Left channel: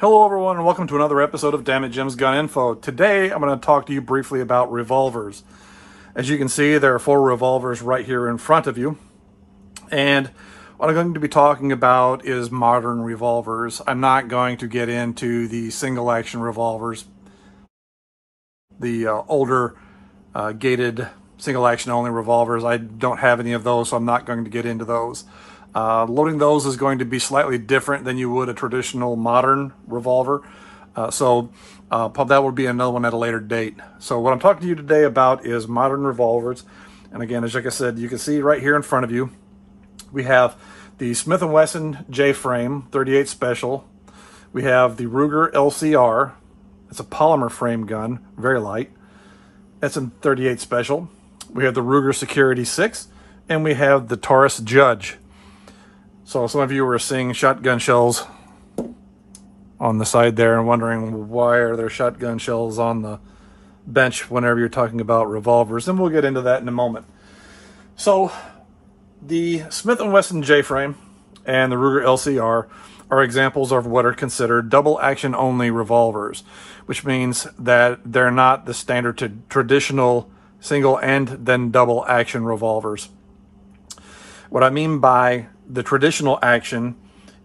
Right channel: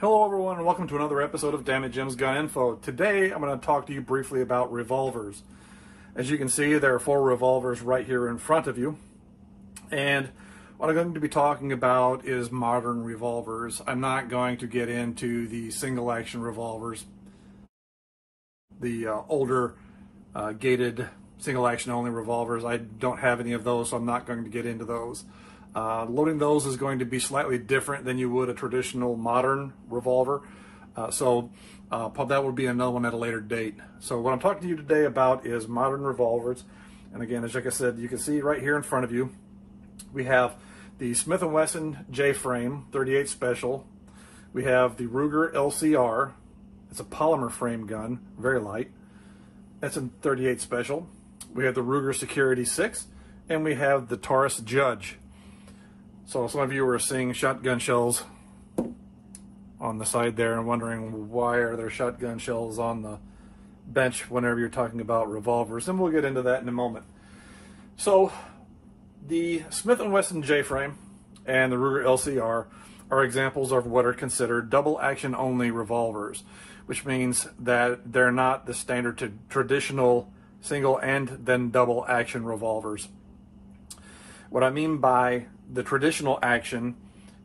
Hello everyone and welcome to another episode of Dammit Jim's Gun Info. Today I'm going to talk to you briefly about revolvers. As you can see, there are 4 revolvers right here in front of you. And what I'm going to be talking about is modern revolvers. I'm not going to get into the single action revolvers, the older gated single action only revolvers. I don't have any of those, so I'm not going to get into those. Loading those is going to be slightly different than you would a traditional modern revolver. So that will be another one at a later date. So what I'm talking to you today about is modern revolvers. And again, as like I said, you can see right here in front of you, we have the Smith & Wesson J-frame 38 Special. We have the Ruger LCR. It's a polymer frame gun, very light. That's a 38 Special. We have the Ruger Security 6, and we have the Taurus Judge. So some of you were seeing shotgun shells on the side there and wondering why are there shotgun shells on the bench whenever you're talking about revolvers, and we'll get into that in a moment. So the Smith & Wesson J-frame and the Ruger LCR are examples of what are considered double action only revolvers, which means that they're not the standard traditional single and then double action revolvers. What I mean by the traditional action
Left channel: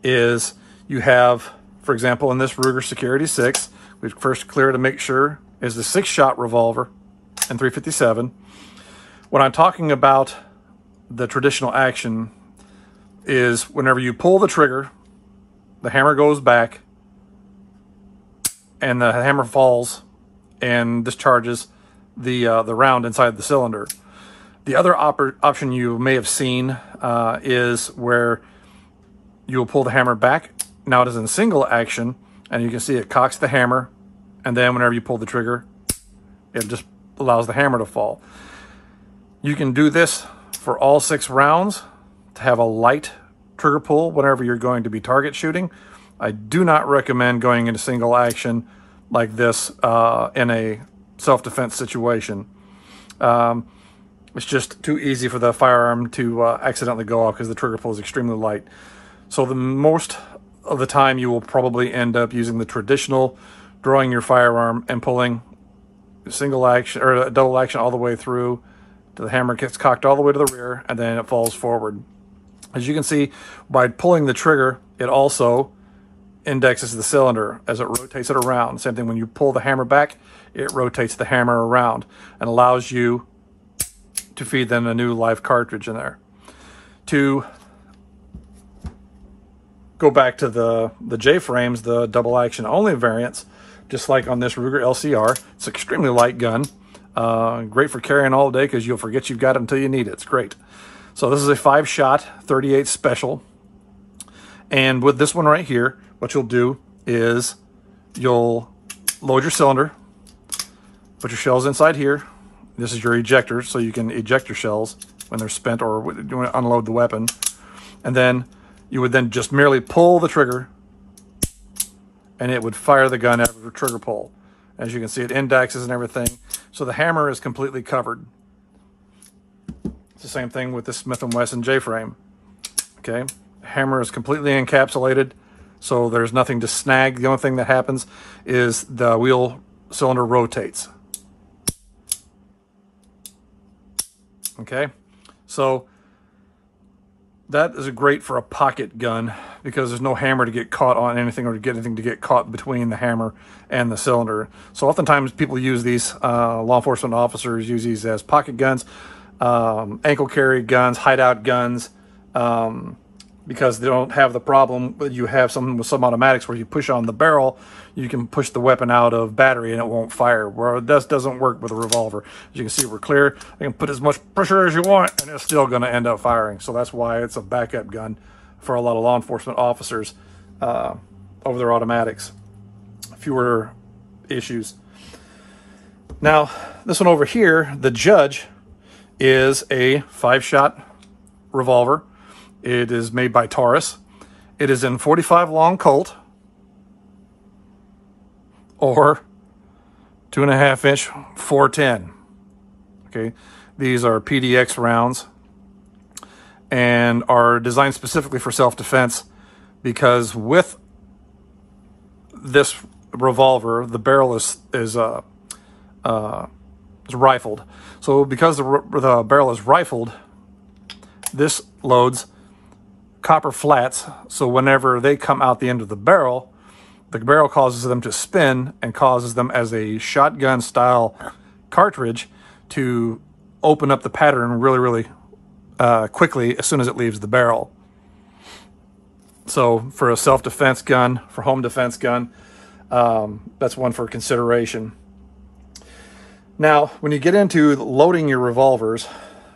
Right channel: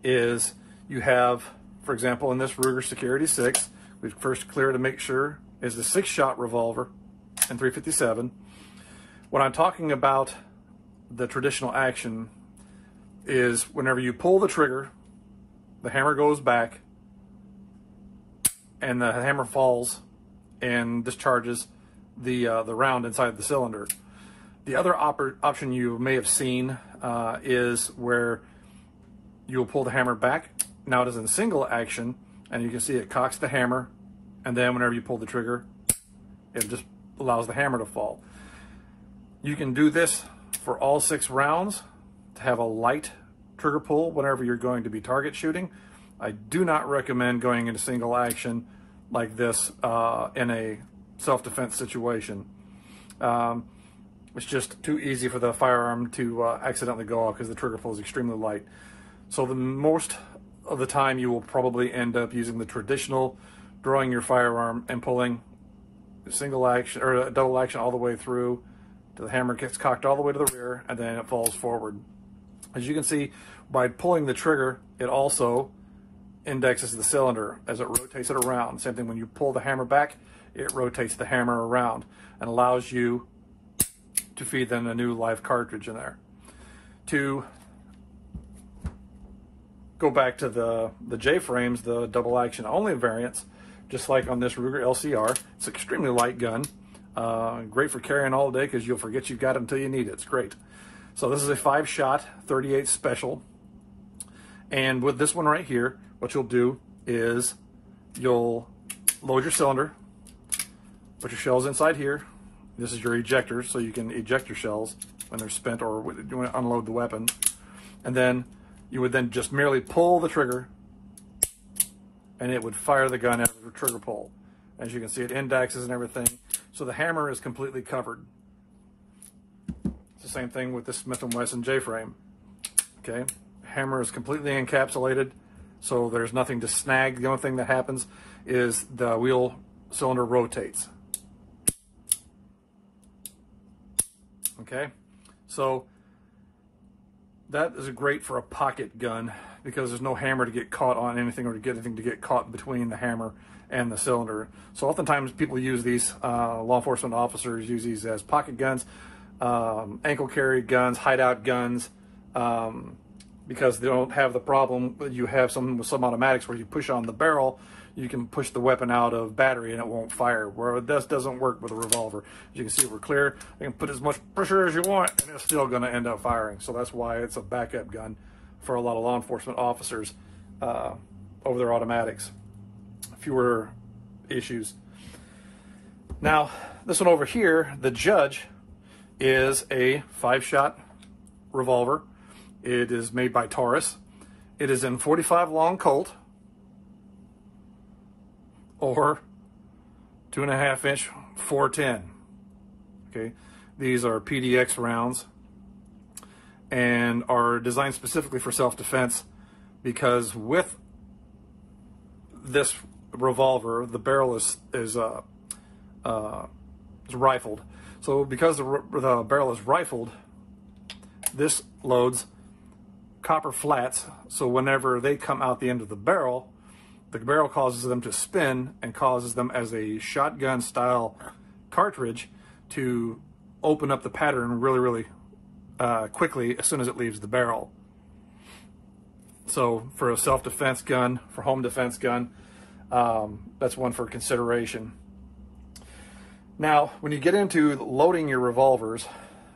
is you have, for example, in this Ruger Security 6, we first clear to make sure is the 6-shot revolver and 357. When I'm talking about the traditional action is whenever you pull the trigger, the hammer goes back and the hammer falls and discharges the round inside the cylinder. The other option you may have seen is where you will pull the hammer back. Now it is in single action, and you can see it cocks the hammer, and then whenever you pull the trigger, it just allows the hammer to fall. You can do this for all 6 rounds to have a light trigger pull whenever you're going to be target shooting. I do not recommend going into single action like this in a self-defense situation. It's just too easy for the firearm to accidentally go off because the trigger pull is extremely light. So the most of the time you will probably end up using the traditional, drawing your firearm and pulling single action or double action all the way through to the hammer gets cocked all the way to the rear and then it falls forward. As you can see, by pulling the trigger, it also indexes the cylinder as it rotates it around. Same thing when you pull the hammer back, it rotates the hammer around and allows you to feed then a new live cartridge in there. To go back to the J-frames, the double action only variants, just like on this Ruger LCR, it's an extremely light gun. Great for carrying all day because you'll forget you've got it until you need it. It's great. So this is a 5-shot 38 Special. And with this one right here, what you'll do is you'll load your cylinder, put your shells inside here. This is your ejector, so you can eject your shells when they're spent or you want to unload the weapon. And then you would then just merely pull the trigger and it would fire the gun after the trigger pull. As you can see, it indexes and everything. So the hammer is completely covered. It's the same thing with the Smith & Wesson J-frame. Okay, the hammer is completely encapsulated, so there's nothing to snag. The only thing that happens is the wheel cylinder rotates. Okay, so that is great for a pocket gun because there's no hammer to get caught on anything or to get anything to get caught between the hammer and the cylinder. So oftentimes people use these, law enforcement officers use these as pocket guns, ankle carry guns, hideout guns, because they don't have the problem. You have some with some automatics where you push on the barrel, you can push the weapon out of battery and it won't fire. Where this doesn't work with a revolver. As you can see, we're clear. You can put as much pressure as you want and it's still going to end up firing. So that's why it's a backup gun for a lot of law enforcement officers over their automatics. Fewer issues. Now, this one over here, the Judge, is a 5-shot revolver. It is made by Taurus. It is in 45 long Colt or 2.5-inch 410. Okay, these are PDX rounds and are designed specifically for self-defense because with this revolver, the barrel is rifled. So because the barrel is rifled, this loads copper flats. So whenever they come out the end of the barrel causes them to spin and causes them as a shotgun style cartridge to open up the pattern really quickly as soon as it leaves the barrel. So for a self-defense gun, for home defense gun, that's one for consideration. Now, when you get into loading your revolvers,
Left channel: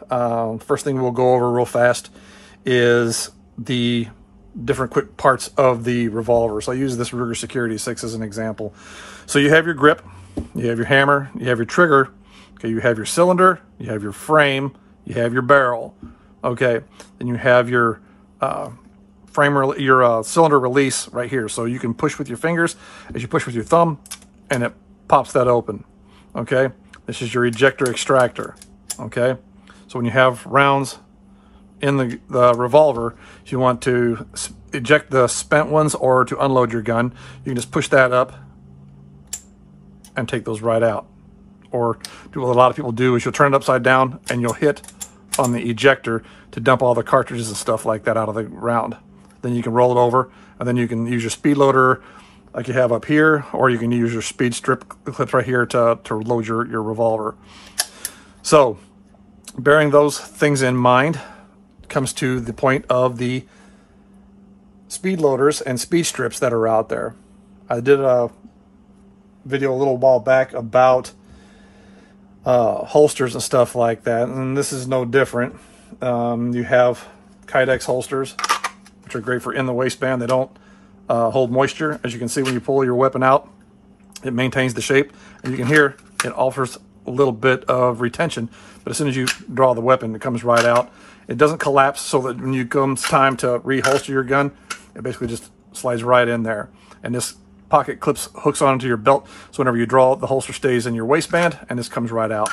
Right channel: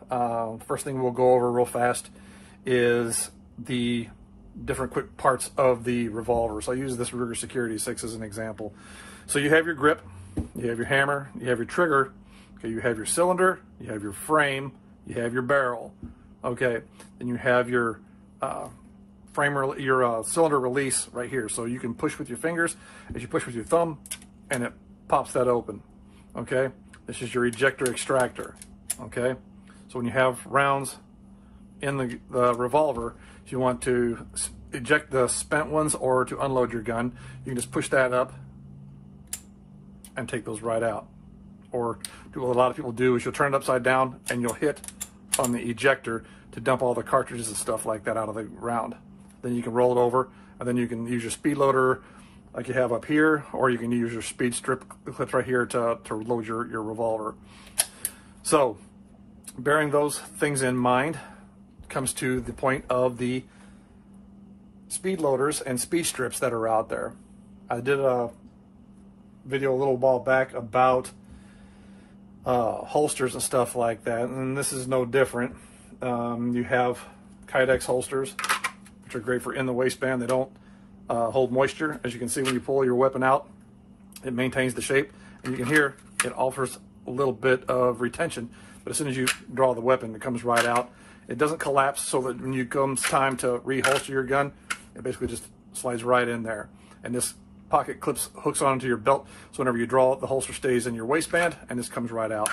first thing we'll go over real fast is the different quick parts of the revolver. So I use this Ruger Security 6 as an example. So you have your grip, you have your hammer, you have your trigger, okay, you have your cylinder, you have your frame, you have your barrel, okay, then you have your cylinder release right here. So you can push with your fingers as you push with your thumb, and it pops that open, okay. This is your ejector extractor, okay. So when you have rounds in the revolver, if you want to eject the spent ones or to unload your gun, you can just push that up and take those right out. Or what a lot of people do is you'll turn it upside down and you'll hit on the ejector to dump all the cartridges and stuff like that out of the round. Then you can roll it over, and then you can use your speed loader like you have up here, or you can use your speed strip clips right here to load your revolver. So bearing those things in mind comes to the point of the speed loaders and speed strips that are out there. I did a video a little while back about holsters and stuff like that, and this is no different. You have Kydex holsters, which are great for in the waistband. They don't hold moisture. As you can see, when you pull your weapon out, it maintains the shape, and you can hear it offers a little bit of retention, but as soon as you draw the weapon, it comes right out. It doesn't collapse, so that when it comes time to reholster your gun, it basically just slides right in there. And this pocket hooks onto your belt, so whenever you draw, the holster stays in your waistband, and this comes right out.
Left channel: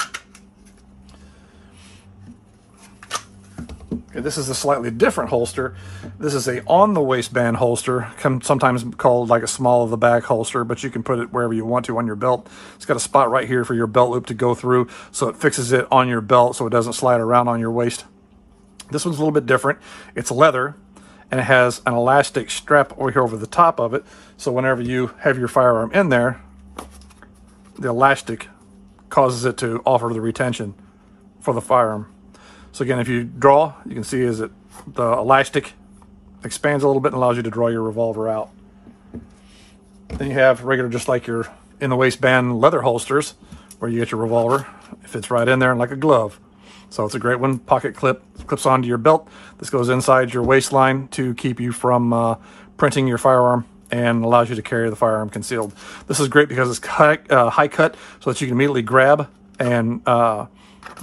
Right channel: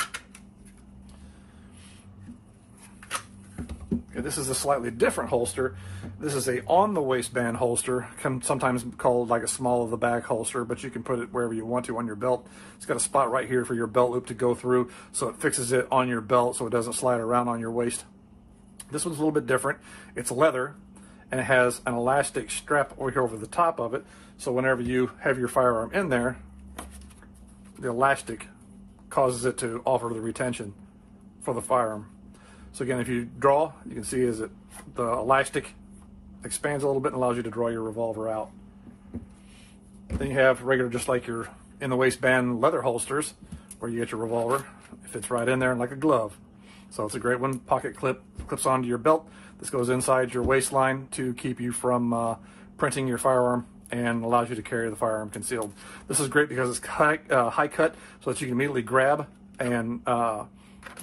Okay, this is a slightly different holster. This is a on the waistband holster, sometimes called like a small of the back holster, but you can put it wherever you want to on your belt. It's got a spot right here for your belt loop to go through, so it fixes it on your belt so it doesn't slide around on your waist. This one's a little bit different. It's leather, and it has an elastic strap over here over the top of it, so whenever you have your firearm in there, the elastic causes it to offer the retention for the firearm. So again, if you draw, you can see is that the elastic expands a little bit and allows you to draw your revolver out. Then you have regular, just like your in the waistband leather holsters, where you get your revolver. It fits right in there like a glove. So it's a great one. Pocket clips onto your belt. This goes inside your waistline to keep you from printing your firearm, and allows you to carry the firearm concealed. This is great because it's high cut, so that you can immediately grab and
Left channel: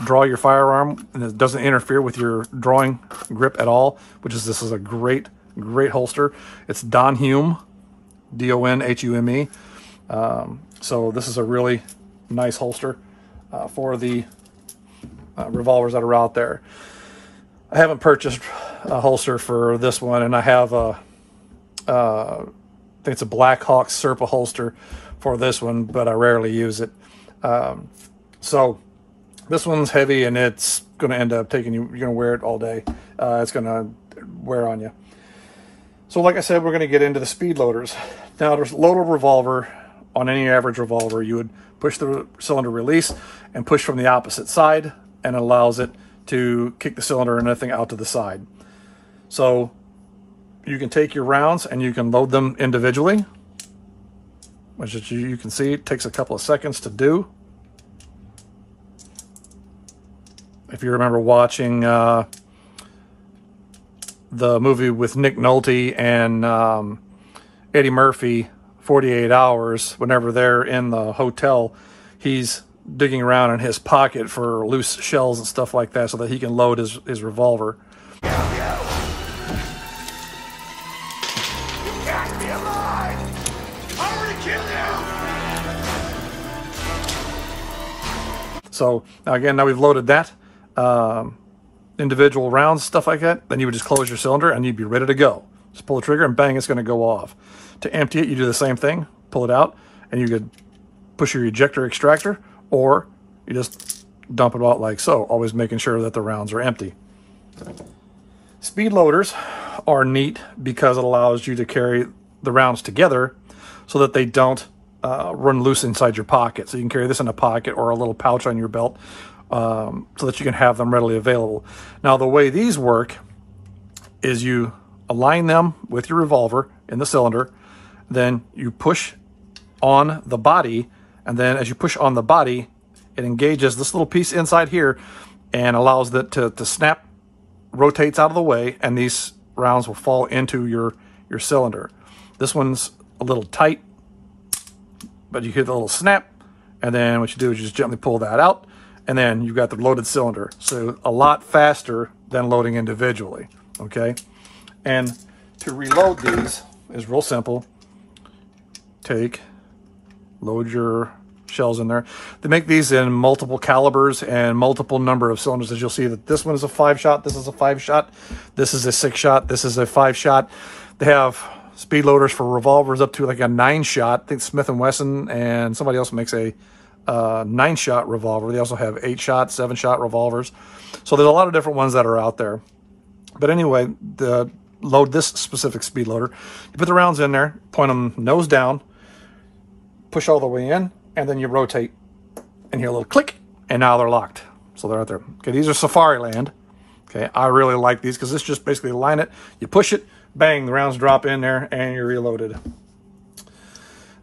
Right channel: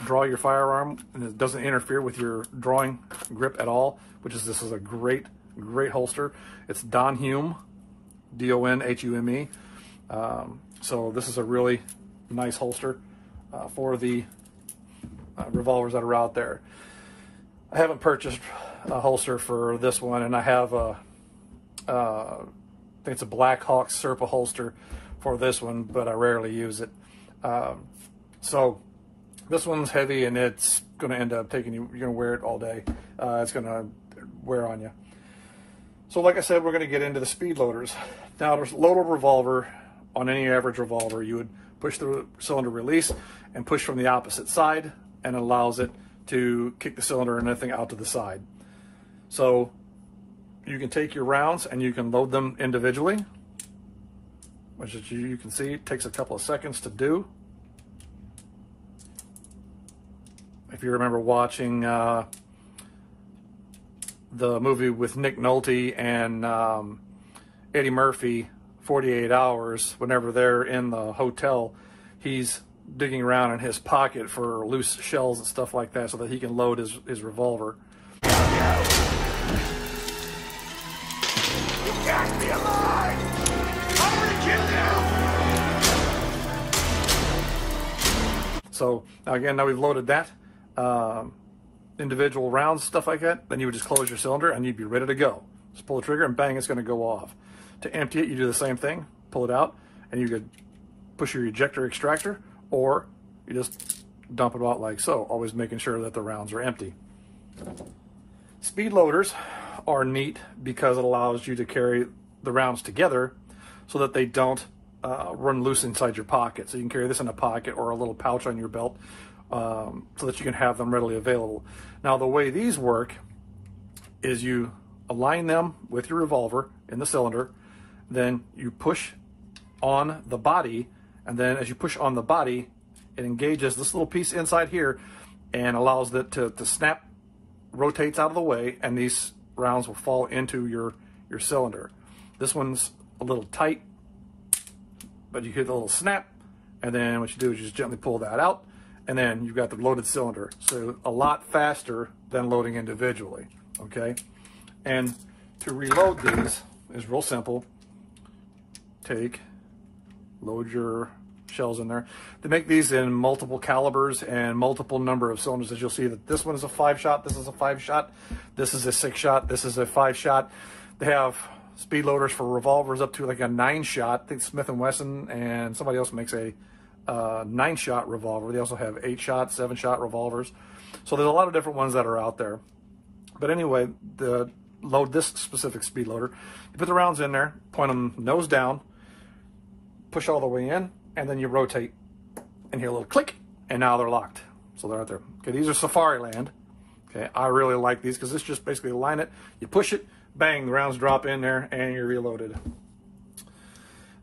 draw your firearm, and it doesn't interfere with your drawing grip at all. This is a great holster. It's Donhume, D-O-N-H-U-M-E. So this is a really nice holster for the revolvers that are out there. I haven't purchased a holster for this one, and I have I think it's a Black Hawk Serpa holster for this one, but I rarely use it. So this one's heavy, and it's going to end up taking you, you're going to wear it all day. It's going to wear on you. So like I said, we're going to get into the speed loaders. Now, to load a revolver, on any average revolver, you would push the cylinder release and push from the opposite side, and it allows it to kick the cylinder and everything out to the side. So you can take your rounds and you can load them individually, which as you can see, it takes a couple of seconds to do. If you remember watching the movie with Nick Nolte and Eddie Murphy, 48 Hours, whenever they're in the hotel, he's digging around in his pocket for loose shells and stuff like that so that he can load his revolver. You can't be alive! I'm gonna kill you! So now we've loaded that, individual rounds, stuff like that, then you would just close your cylinder and you'd be ready to go. Just pull the trigger and bang, it's going to go off. To empty it, you do the same thing. pull it out, and you could push your ejector extractor, or you just dump it out like so, always making sure that the rounds are empty. Speed loaders are neat because it allows you to carry the rounds together so that they don't run loose inside your pocket. So you can carry this in a pocket or a little pouch on your belt so that you can have them readily available. Now, the way these work is you align them with your revolver in the cylinder, then you push on the body, and then as you push on the body, it engages this little piece inside here and allows it to snap, rotates out of the way, and these rounds will fall into your cylinder. This one's a little tight, but you hit a little snap, and then what you do is you just gently pull that out, and then you've got the loaded cylinder. So a lot faster than loading individually, okay? And to reload these is real simple. Load your shells in there. They make these in multiple calibers and multiple number of cylinders. As you'll see that this one is a 5-shot, this is a 5-shot, this is a 6-shot, this is a 5-shot. They have speed loaders for revolvers up to like a 9-shot. I think Smith & Wesson and somebody else makes a 9-shot revolver. They also have 8-shot, 7-shot revolvers. So there's a lot of different ones that are out there. But anyway, load this specific speed loader. You put the rounds in there, point them nose down, push all the way in, and then you rotate and hear a little click, and now they're locked. So they're out there. Okay, these are Safariland. Okay, I really like these because this just basically line it, you push it, bang, the rounds drop in there, and you're reloaded.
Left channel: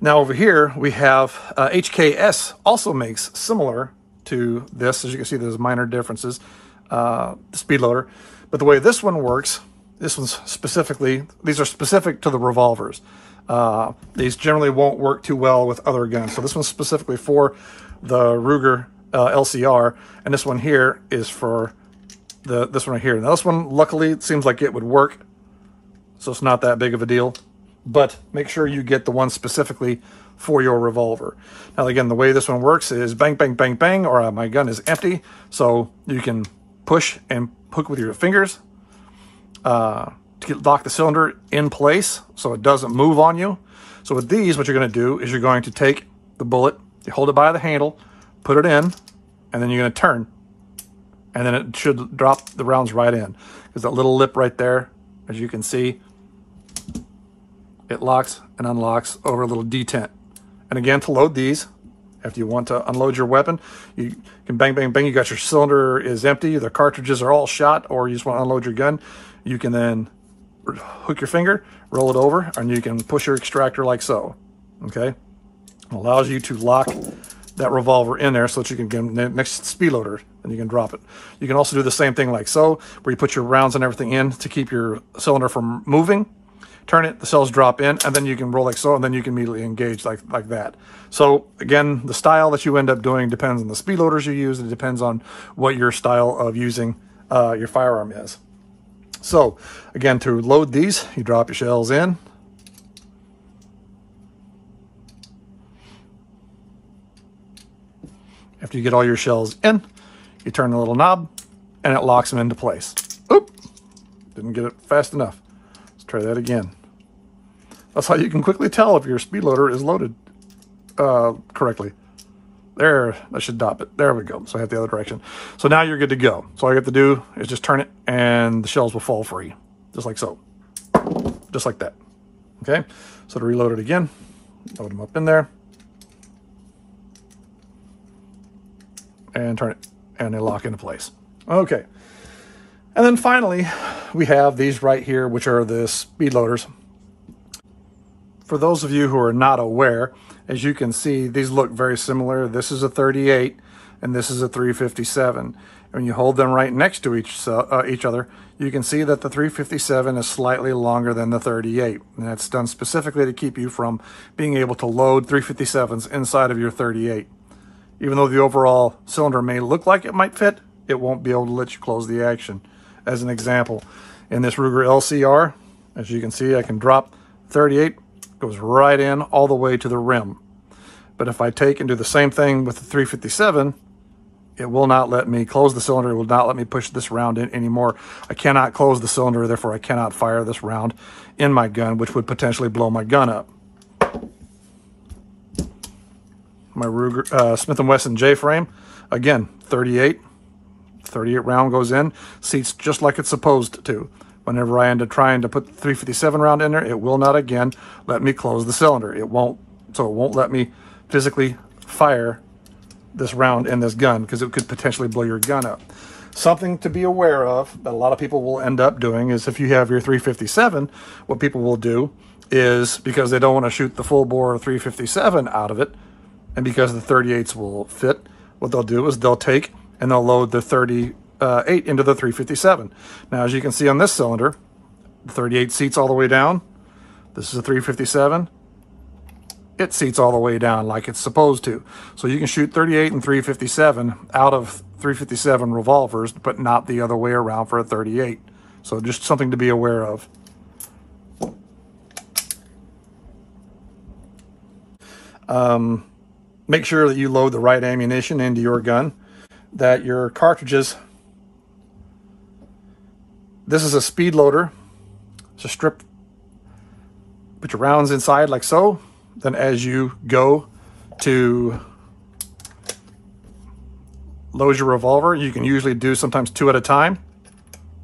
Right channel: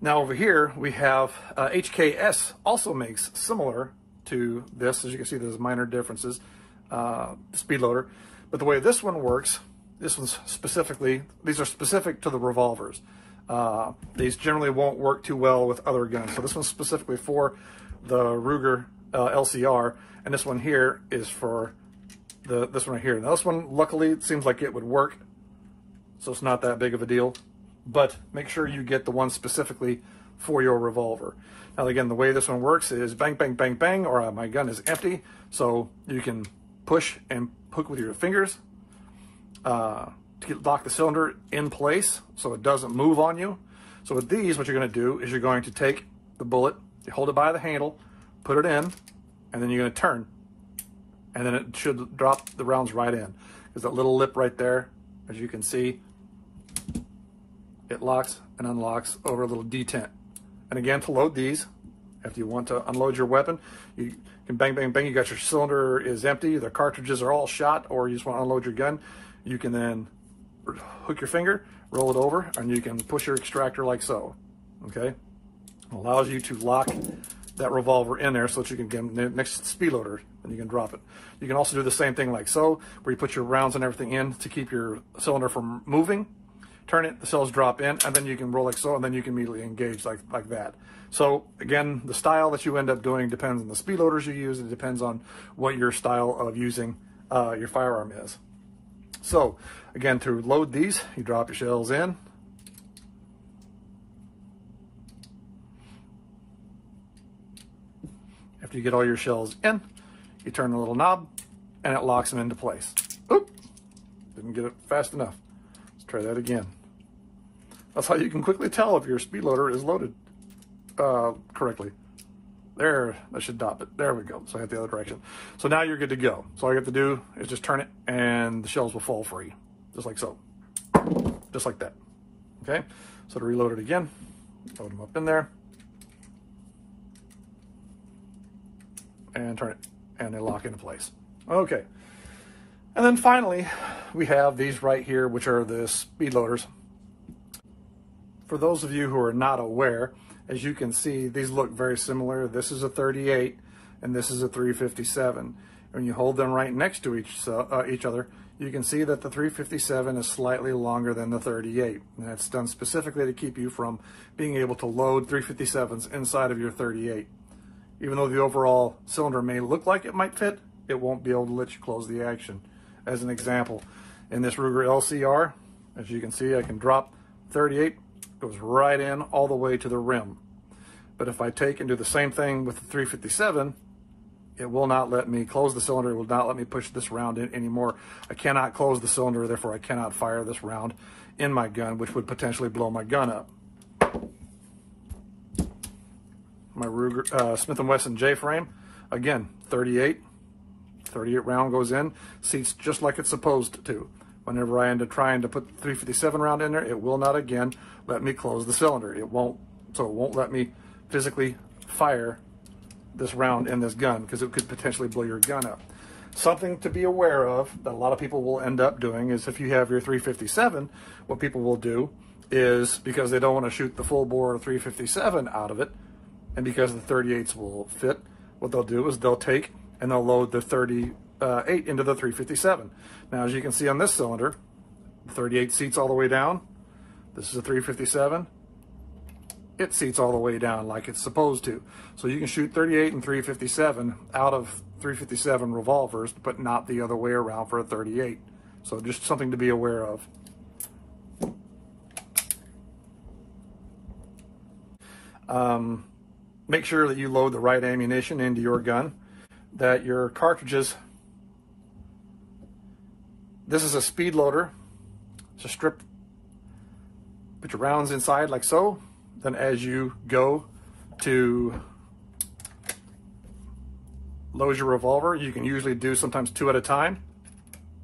Now over here we have HKS also makes similar to this. As you can see, there's minor differences, the speed loader. But the way this one works, these are specific to the revolvers. These generally won't work too well with other guns. So this one's specifically for the Ruger LCR, and this one here is for this one right here. Now this one, luckily, it seems like it would work, so it's not that big of a deal. But make sure you get the one specifically for your revolver. Now again, the way this one works is bang, bang, bang, bang, or my gun is empty, so you can push and hook with your fingers to lock the cylinder in place so it doesn't move on you. So with these, what you're going to do is you're going to take the bullet, you hold it by the handle, put it in, and then you're going to turn, and then it should drop the rounds right in. There's that little lip right there, as you can see. It locks and unlocks over a little detent. And again, to load these, after you want to unload your weapon, you can bang, bang, bang. You got your cylinder is empty, the cartridges are all shot, or you just want to unload your gun. You can then hook your finger, roll it over, and you can push your extractor like so. Okay? It allows you to lock that revolver in there so that you can get the next speed loader and you can drop it. You can also do the same thing like so, where you put your rounds and everything in to keep your cylinder from moving. Turn it, the cells drop in, and then you can roll like so, and then you can immediately engage like that. So again, the style that you end up doing depends on the speed loaders you use. It depends on what your style of using your firearm is. So again, to load these, you drop your shells in. After you get all your shells in, you turn the little knob, and it locks them into place. Oop! Didn't get it fast enough. Let's try that again. That's how you can quickly tell if your speed loader is loaded correctly. There, that should stop it. There we go. So I have the other direction. So now you're good to go. So all you have to do is just turn it, and the shells will fall free, just like so. Just like that. Okay? So to reload it again, load them up in there, and turn it, and they lock into place. Okay. And then finally, we have these right here, which are the speed loaders. For those of you who are not aware, as you can see, these look very similar. This is a 38, and this is a 357. When you hold them right next to each other, you can see that the 357 is slightly longer than the 38. And that's done specifically to keep you from being able to load 357s inside of your 38. Even though the overall cylinder may look like it might fit, it won't be able to let you close the action. As an example, in this Ruger LCR, as you can see, I can drop 38, goes right in all the way to the rim. But if I take and do the same thing with the 357, it will not let me close the cylinder. It will not let me push this round in anymore. I cannot close the cylinder, therefore I cannot fire this round in my gun, which would potentially blow my gun up. my Ruger, Smith & Wesson J-frame. Again, 38 round goes in, seats just like it's supposed to. Whenever I end up trying to put the 357 round in there, it will not again let me close the cylinder. It won't let me physically fire this round in this gun because it could potentially blow your gun up. Something to be aware of that a lot of people will end up doing is if you have your 357, what people will do is, because they don't want to shoot the full bore 357 out of it, and because the 38s will fit, what they'll do is they'll take and they'll load the 38 into the 357. Now, as you can see on this cylinder, the 38 seats all the way down. This is a 357. It seats all the way down like it's supposed to. So you can shoot 38 and 357 out of 357 revolvers, but not the other way around for a 38. So just something to be aware of. Make sure that you load the right ammunition into your gun, that your cartridges, this is a speed loader. It's a strip, put your rounds inside like so. Then as you go to load your revolver, you can usually do sometimes 2 at a time,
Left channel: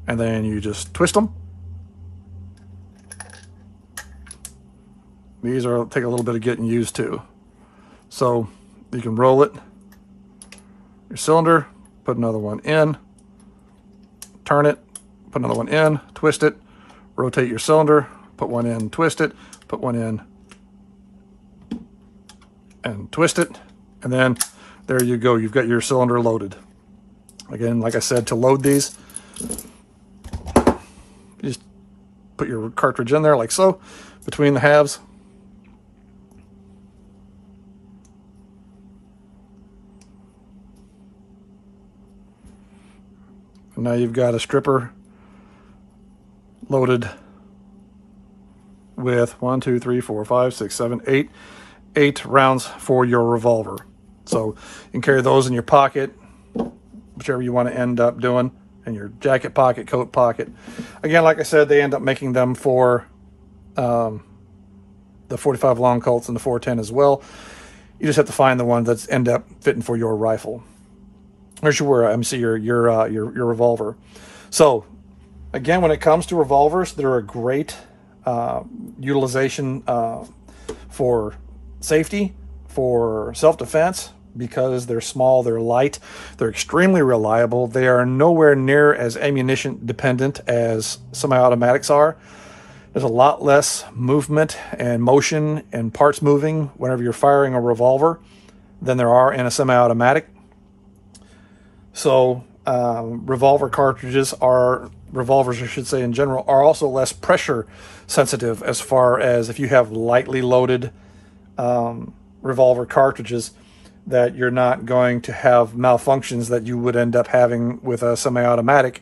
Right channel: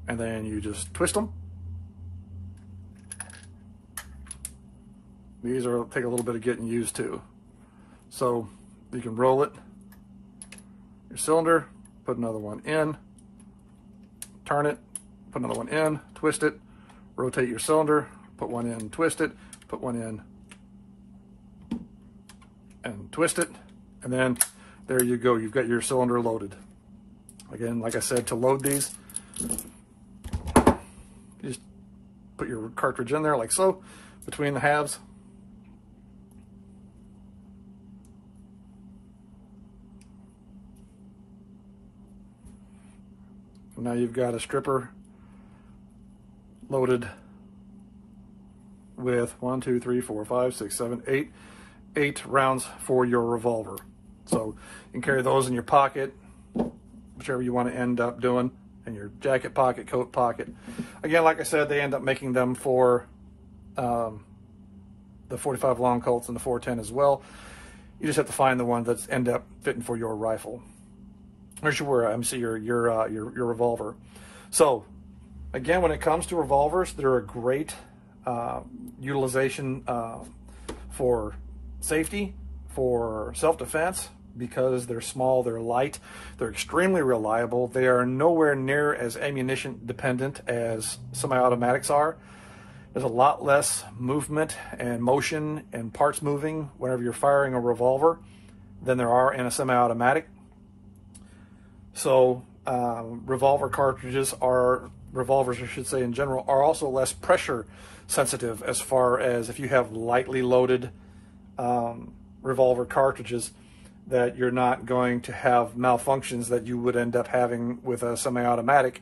and then you just twist them. These are take a little bit of getting used to. So you can roll it, your cylinder, put another one in, turn it, put another one in, twist it, rotate your cylinder, put one in, twist it, put one in, and twist it, and then there you go. You've got your cylinder loaded. Again, like I said, to load these, you just put your cartridge in there like so, between the halves. And now you've got a stripper loaded with 1, 2, 3, 4, 5, 6, 7, 8 rounds for your revolver. So you can carry those in your pocket, whichever you want to end up doing, in your jacket pocket, coat pocket. Again, like I said, they end up making them for the 45 long Colts and the 410 as well. You just have to find the one that's end up fitting for your rifle. Or your revolver. So again, when it comes to revolvers, they're a great utilization for safety, for self-defense, because they're small, they're light, they're extremely reliable. They are nowhere near as ammunition dependent as semi-automatics are. There's a lot less movement and motion and parts moving whenever you're firing a revolver than there are in a semi-automatic. So revolvers, I should say in general, are also less pressure sensitive, as far as if you have lightly loaded revolver cartridges, that you're not going to have malfunctions that you would end up having with a semi-automatic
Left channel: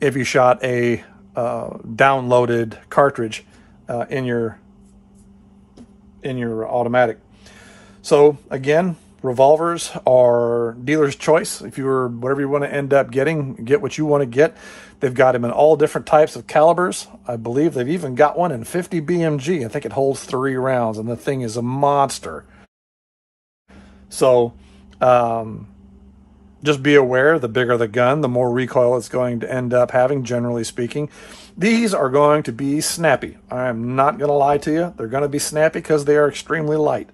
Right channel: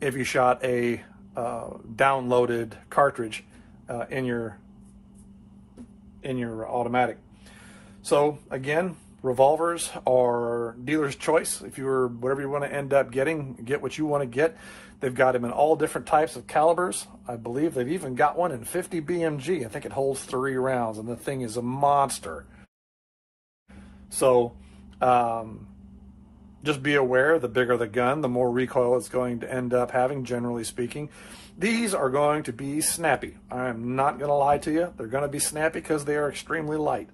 if you shot a downloaded cartridge in your automatic. So again, revolvers are dealer's choice. If you're whatever you want to end up getting, get what you want to get. They've got them in all different types of calibers. I believe they've even got one in 50 BMG. I think it holds 3 rounds, and the thing is a monster. So just be aware, the bigger the gun, the more recoil it's going to end up having, generally speaking. These are going to be snappy. I am not going to lie to you. They're going to be snappy because they are extremely light.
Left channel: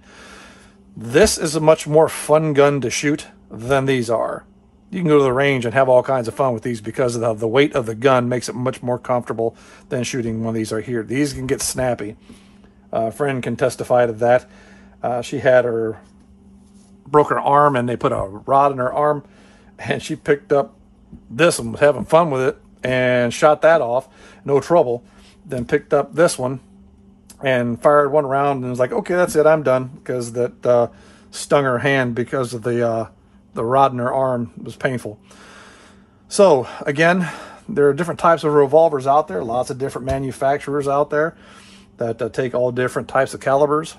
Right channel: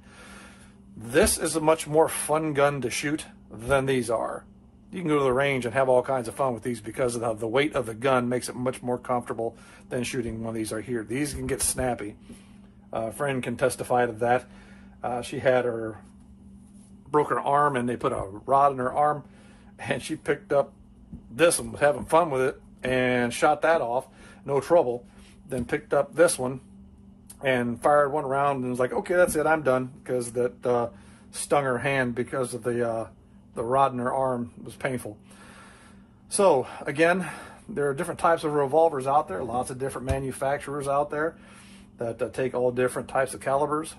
This is a much more fun gun to shoot than these are. You can go to the range and have all kinds of fun with these because of the weight of the gun makes it much more comfortable than shooting one of these are here. These can get snappy. A friend can testify to that. She had broke her arm, and they put a rod in her arm, and she picked up this and was having fun with it and shot that off, no trouble. Then picked up this one and fired one round and was like, okay, that's it, I'm done, because that stung her hand because of the rod in her arm. It was painful. So again, there are different types of revolvers out there, lots of different manufacturers out there that take all different types of calibers.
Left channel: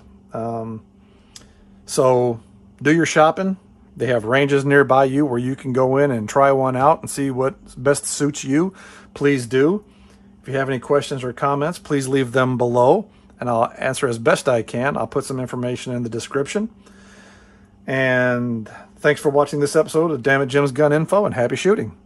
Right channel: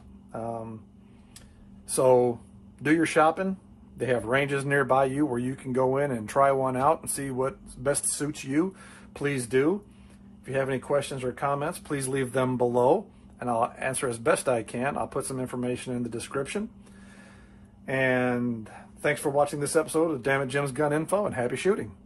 So do your shopping. They have ranges nearby you where you can go in and try one out and see what best suits you. Please do. If you have any questions or comments, please leave them below, and I'll answer as best I can. I'll put some information in the description. And thanks for watching this episode of Dammit Jim's Gun Info, and happy shooting.